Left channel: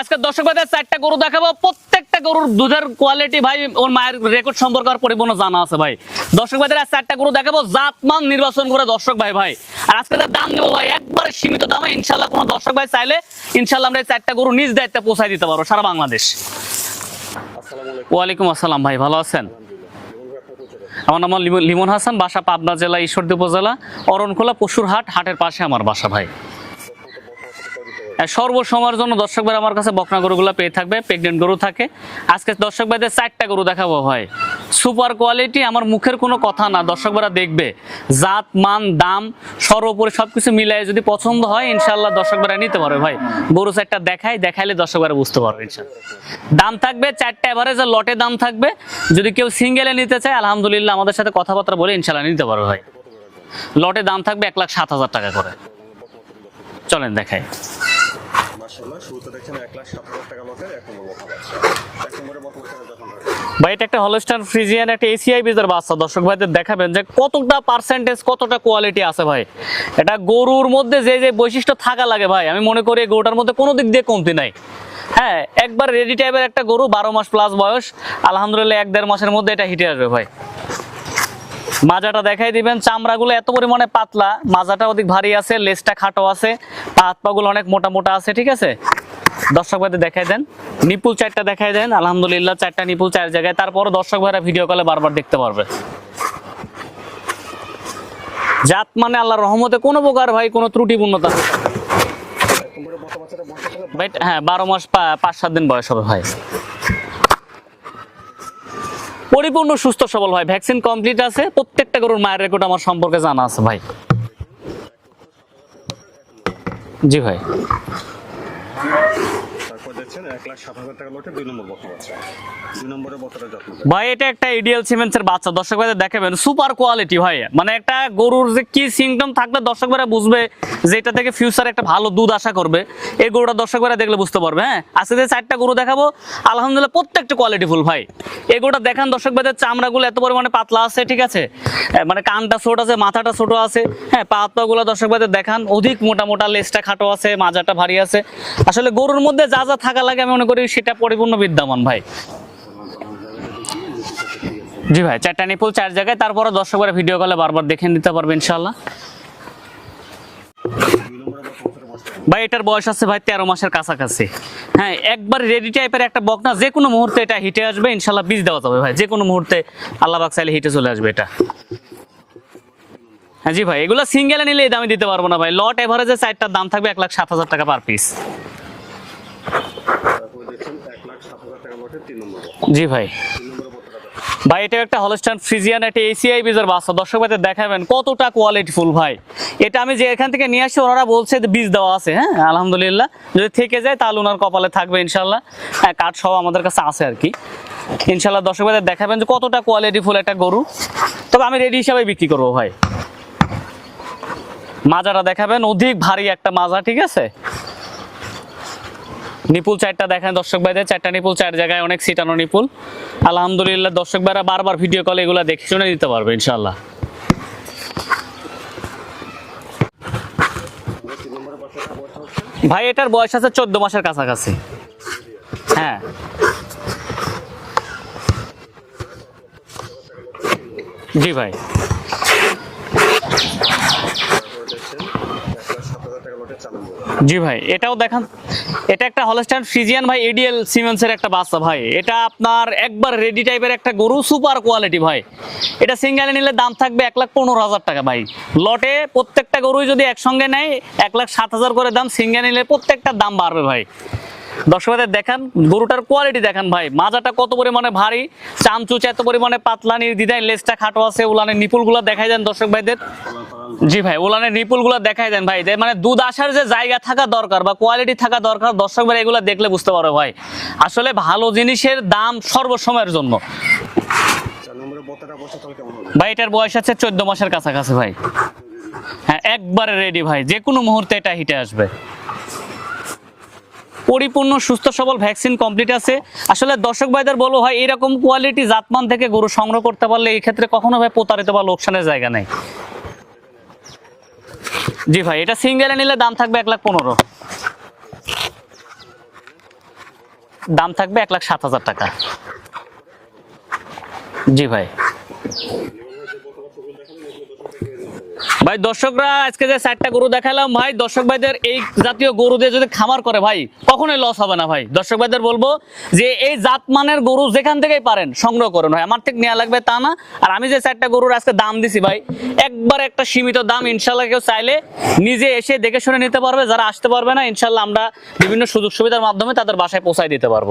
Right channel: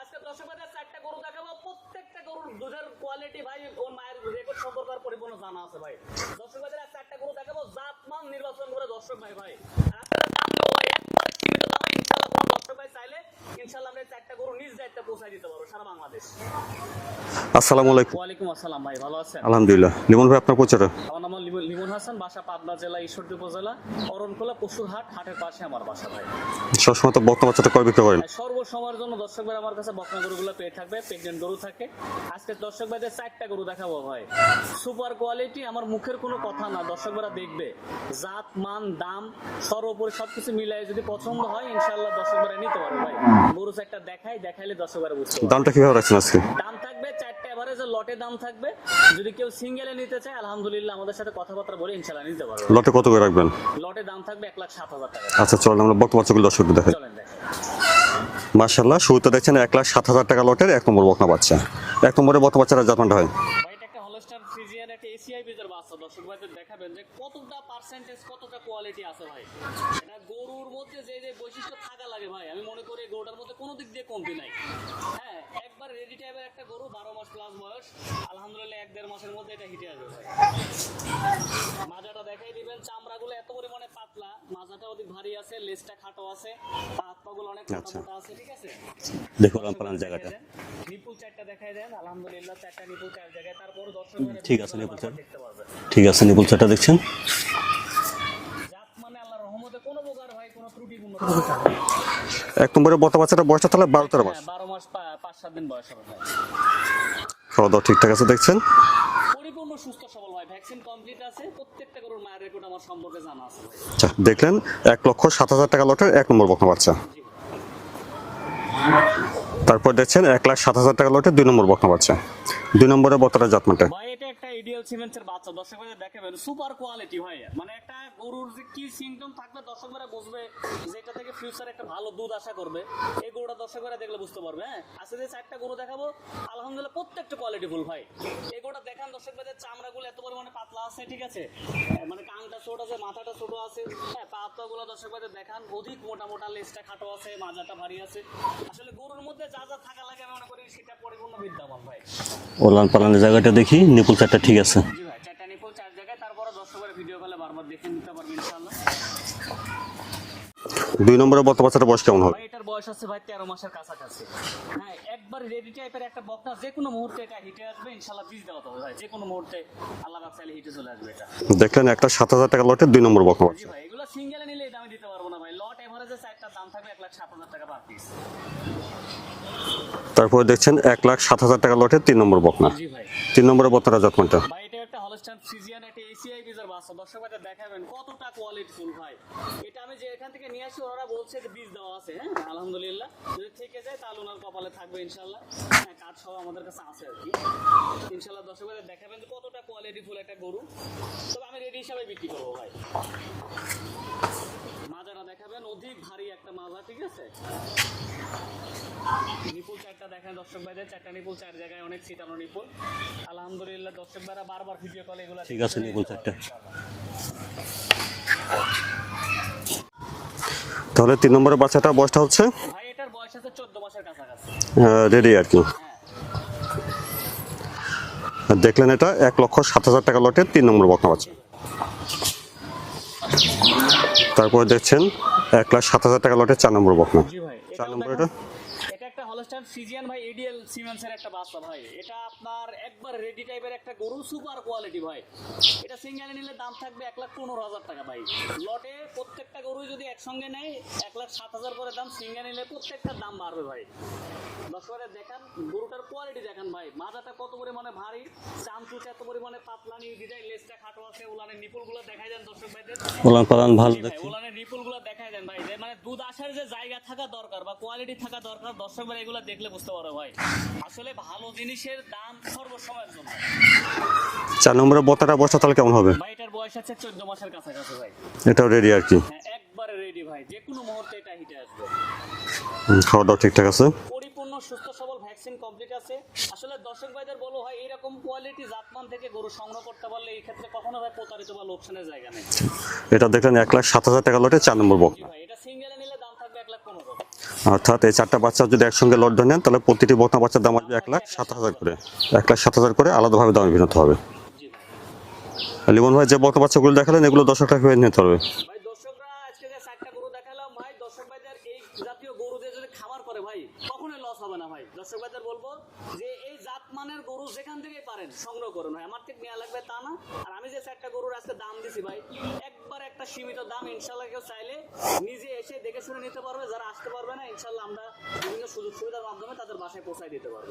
আজকে দর্শক ভাইদের চারটা গরু দেখাবো। প্রত্যেকটা গরুর দুধের কোয়ালিটি ভাই, ওর মায়ের রেকর্ড সম্পর্কে আর পরিপূর্ণ জানা আছে ভাই। দর্শক ভাইদের আজ চারটা গরু দেখাবো, জাতমান নির্বাচন করে দর্শক ভাই ভাই। আর আজকে তার দাম দেবো ভাই, একবার সীমিত দামে। ইনশাল্লাহ কোনো দর্শক ভাই চাইলে ইনশাল্লাহ আমরা এই চারটা গরু নিজ দায়িত্বে পৌঁছায় দিতে পারব সারা বাংলাদেশ। আসসালামু আলাইকুম। ওয়ালাইকুম আসসালাম ভাই ভালো আছেন? আলহামদুলিল্লাহ। লিমন ভাই আপনার পরিচয় আমার নাম লিমন- লিমন হাসান বাসা পাবনা জেলা ঈশ্বরদী উপজেলা অরণখোলা পশুর হাট হাটের পাশে আমার বাসা ভাই। সবসময় তো বর্তমান বাচ্চাটা করে বিক্রি করেন? সর্বসময়ের জন্য দর্শক ভাই আমার কাছে বকনা গরুগুলো পেয়ে থাকবে প্রেগনেন্ট গরু থাকে। আজকে দর্শক ভাইদের চারটা গরু দেখাবো ভাই। সুপার কোয়ালিটি আমার মুখের কোনো কথা না দর্শক ভাইরা দেখবে। জাত মান দাম সর্বোপরি সবকিছু মিলাই যদি পছন্দ হয় ইনশাল্লাহ দর্শক ভাইরা নিতে পারবে ভাই। গরু চারটা দেখাই দেখাইলে দর্শক ভাইরা বুঝতে পারবে। দামটা কীভাবে রাখছেন আজকে? দাম থাকবে চারটা এভারেজে লটে দাম থাকবে। যদি কেউ সিঙ্গেলে নিতে চায় আলহামদুলিল্লাহ আমাদের সাথে কথাবার্তা বলে ইনশাল্লাহ নিতে পারবে লটে কত করে রাখবেন? লটে দাম থাকবে এক লাখ সাত হাজার টাকা। আচ্ছা চলেন আমরা বর্তমান বাচ্চাগুলো দর্শকদের দেখাই। চলেন দেখাই। মার্শাল্লাহ শুরুতে দেখছেন এক লাখ সাত হাজার টাকা লটের এক নম্বর বকনা বাচ্চা। এক নম্বরে বর্তমান বাচ্চারা জাতমানটা হয়। ভাই এটা একটা হলস্টার ফ্রিজিয়ান একটা এসিআই বীজের বাচ্চা। দর্শক ভাইদের দেখাবেন যে কতটা পার্সেন্টেজ কতটা কোয়ালিটি আছে ভাই। এটা গরুর মধ্যে যে যে বৈশিষ্ট্য থাকা লাগে ভাই আমি মনে করি গরুটার মধ্যে কোনো দিক দিয়ে কমতি নাই। হ্যাঁ একবার রেডি টাইপের একটা গরু বারো মাস প্লাস বয়স। আলহামদুলিল্লাহ এক দেড় মাসের মধ্যে এটা হিটে আসবে ভাই। মাজাটা দেখাই দিবেন চামড়াগুলো এত পরিমাণে পাতলা মাজাটা অধিক ভারী আছে লেজটা খাটো আছে পা হাত পাগুলো অনেক মোটা মোটা আছে ঠিক আছে? দর্শক ভাইদের দেখাই দেন নিপুল চারটা দেখাই দেন আলহামদুলিল্লাহ চারটা নিপুল চার জায়গায়। তারপরও দর্শক ভাইরা ভিডিও কলে বারবার দেখতে পারবে। ঠিক আছে নিপুল চারটা দেখছেন? জাত মানে আল্লাহর রহমতে কোনো প্রকার ভাই কোনো ত্রুটিপূর্ণতা নেই। এক নম্বরে বর্তমান বাচ্চাটা বয়সটা তাহলে হ্যাঁ বারো মাস পাঁচ সাত দিন বয়স হবে ভাই। খাওয়া দাওয়া ঠিকঠাক আছে দেখছেন? পরিপূর্ণ সুস্থ সবল হয় ভ্যাকসিন কমপ্লিট আছে। প্রত্যেকটা গরুর মায়ের রেকর্ড আমার সম্পর্কে জানা আছে ভাই। আচ্ছা দেখলেন এক লক্ষ সাত হাজার টাকা লটের এক নম্বর বকনা বাচ্চা। জি ভাই। তারপর দেখছেন এক লাখ সাত হাজার টাকা লটের দুই নম্বর বকনা বাচ্চা। দুই নম্বরে বর্তমানে জাতমানটা ভাই, এটা একটা ইডিয়াল সিমেন্টসের বাচ্চা। দর্শক ভাইদের দেখাবেন সুপার কোয়ালিটি ভাই। মানে একটা গরুর যে কি সিমটম থাকলে দর্শক ভাইরা বুঝবে যে এটা থেকে ফিউচার একটা ভালো দুধ আশা করবে। এই গরুটা দর্শক ভাইরা দেখলে বুঝতে পারবে হ্যাঁ? আজকে যে চারটা গরু দেখাবো, আলহামদুলিল্লাহ প্রত্যেকটা কোয়ালিটি ফুল ভাই। এই গরুটা দেখান দর্শক ভাইদের, চামড়াগুলো এত পরিমাণে পাতলা আছে, ঠিক আছে? মানে কানটা ছোট আছে, মাথাটা ছোট আছে হ্যাঁ? পা হাত দর্শক ভাইদের দেখান, অধিক মোটা মোটা লেজটা খাটো আছে, মাজাটা ভারী আছে। আসলে গরুর মধ্যে যা যা থাকা লাগে আমি মনে করি সেটা পরিপূর্ণ বিদ্যমান ভাই। ওলান পালানের জায়গাটা দেখি নিপুল চারটা ঠিক আছে। জি ভাই চারটা নিপুল চার জায়গায়। তারপরে দর্শকরা ভিডিও কলে বারবার দেখে নিতে পারবে ইনশাল্লাহ দুই নম্বরে বর্তমান বাচ্চাটা বয়স কেমন ভাই এটার বয়স আছে ভাই তেরো মাসের কাছাকাছি। হ্যাঁ একবার রেডি টাইপের একটা বকনা যে কোনো মুহূর্তে এটা হিটে আসবে ইনশাল্লাহ বীজ দেওয়া যাবে ভাই। যে কোনো মুহূর্তে আল্লাহ বাক চাইলে হিটে চলে আসবে এটা। দেখলেন একটা সাত হাজার টাকা লটের দুই নম্বর বকনা হ্যাঁ জি ভাই এগুলো সিঙ্গেলে নিলে দামে দিতে পারব না ভাই। লট এভারেজে চারটার দাম থাকবে এক লাখ সাত হাজার টাকা পার পিস তারপরে দেখছেন এক লাখ সাত হাজার টাকা লটের তিন নম্বর বকনা। জি ভাই। তিন নম্বরে বর্তমানে জাতমানটা ভাই এটা একটা হলস্টান ফ্রিজিয়ান একটা এসিআই বীজের বাচ্চা দর্শক ভাইদের দেখাবেন কতটা কোয়ালিটি ফুল ভাই। এটা আমি যে এখান থেকে নিয়ে আসি ওনারা বলছে যে বীজ দেওয়া আছে হ্যাঁ? আলহামদুলিল্লাহ। যদি থেকে যায় তাহলে ওনার কপালে থাকবে ইনশাল্লাহ হ্যাঁ কাঠ সহ আমাদের কাছে আছে আর কি। ইনশাল্লাহ দর্শক ভাইদের দেখাবেন যে কতটা কোয়ালিটি ফুল একটা গরু। তবে আমি রেডি হিসাবে বিক্রি করব ভাই। মাজাটা দেখাবেন অধিক ভারী একটা মাজা ঠিক আছে? নিপুল চারটা দেখেন দর্শক ভাইদের। চারটা নিপুল চার জায়গায় অনেক সিটানো নিপুল। আলহামদুলিল্লাহ দর্শক ভাইরা বারবার ভিডিও কলে এগুলো দেখে শুনে দিতে পারবে ইনশাল্লাহ তাহলে তিন নম্বরের বাচ্চাটা বয়সটা হচ্ছে? ভাই এটার বয়স আছে চোদ্দ মাসের কাছাকাছি। রেডি আর কি। হ্যাঁ। দেখলেন এটা এক লক্ষ সাত হাজার টাকা লটের তিন নম্বর বকনা জি ভাই। তারপরে দেখছেন এক লাখ সাত হাজার টাকা লটের চার নম্বর বকনা জি ভাই এটাও দেখান। এটা একটা হলস্টাইন ফ্রিজিয়ান ভাই এডিএল সিমেন্সের একটা বাচ্চা ভাই। এটা আপনার একবার রেডি টাইপের একটা গরু সুপার কোয়ালিটি ভাই। এটা সিঙ্গেলে নিলে দাম থাকবে এক লাখ পনেরো হাজার টাকা ভাই। লটে প্রত্যেকটা গরুই যদি একসঙ্গে নেয় এক লাখ সাত হাজার করে দাম সিঙ্গেল নিলে প্রত্যেকটার দাম বাড়বে ভাই। দর্শকদের দেখান গরুটার কোয়ালিটি দেখান ভাই। মাজাটা কত পরিমাণে ভারী চামচুচ এত পরিমাণে পাতলা নির্দিদায় লেজটা খাটো আছে উলানের নিপুলগুলো দেখাই দেন দর্শক ভাইদের। জি ভাই নিপুলগুলো দেখাই দেন ভাই। মানে দুধ আসার যে জায়গা থাকা দরকার বা কোয়ালিটি থাকা দরকার দর্শক ভাই এগুলো দেখলে বুঝতে পারো ভাই। আসলে ভালো জিনিসের দাম সর্বসময়ের জন্য। চার নম্বরের বতাটা বয়সটা তাহলে কেমন হবে? ভাই এটার বয়স আছে চোদ্দ মাসের কাছাকাছি ভাই। এটাও রেডি আর কি। হ্যাঁ একবারে রেডি ভাই। যে কোনো মুহূর্তে এটা হিটে আসবে। খাওয়া দাওয়া ঠিকঠাক আছে। পরিপূর্ণ সুস্থ সবল ভ্যাকসিন কমপ্লিট আছে। আসলে দর্শক ভাইদের বলব ভাই এরকম কোয়ালিটি জাতমান থেকে গরু সংগ্রহ করতে পারলে এই ক্ষেত্রে কখনো ভাই প্রতারিত বা লোকসানের জায়গা নেই? এটা দেখলেন এক লাখ সাত হাজার টাকা লটে চার নম্বর জি ভাই এটা সিঙ্গেলে নিলে দাম থাকবে এক লাখ পনেরো। অর্থাৎ এই চারটা বাচ্চা যদি একসঙ্গে লট নেন তাহলে প্রতিটি বকনা বাচ্চার দাম দাম থাকবে এক লাখ সাত হাজার টাকা। এক লাখ সাত হাজার করে আলাদাভাবে দাম ভিন্নতে হবে। জি ভাই। লিমন ভাই, যে বকনা বাচ্চাগুলো দেখালেন, এগুলো দশ টাকা করে নিতে ভাই, দর্শকরা, আজকে যে চারটা গরু দেখালাম, ভাই, দর্শক ভাইদের এই জাতীয় গরু দিয়ে যদি খামার করে, ভাই, কখনোই লস হবে না, ভাই। দর্শক ভাইদের বলব যে এই জাত মানের গরু যেখান থেকেই পারেন, সংগ্রহ করুন, ভাই। আমার থেকে নেওয়া লাগবে তা না। আর আমি যে চারটা গরুর আজকে দাম দিছি, ভাই, একবার একটা সীমিত দাম ইনশাল্লাহ কেউ চাইলে নিজে এসে দেখে শুনে নিতে পারবে। যারা আসতে পারবে না ইনশাল্লাহ আমরা বিভিন্ন সুযোগ সুবিধার মাধ্যমে তাদের বাসায় পৌঁছায় দিতে পারব।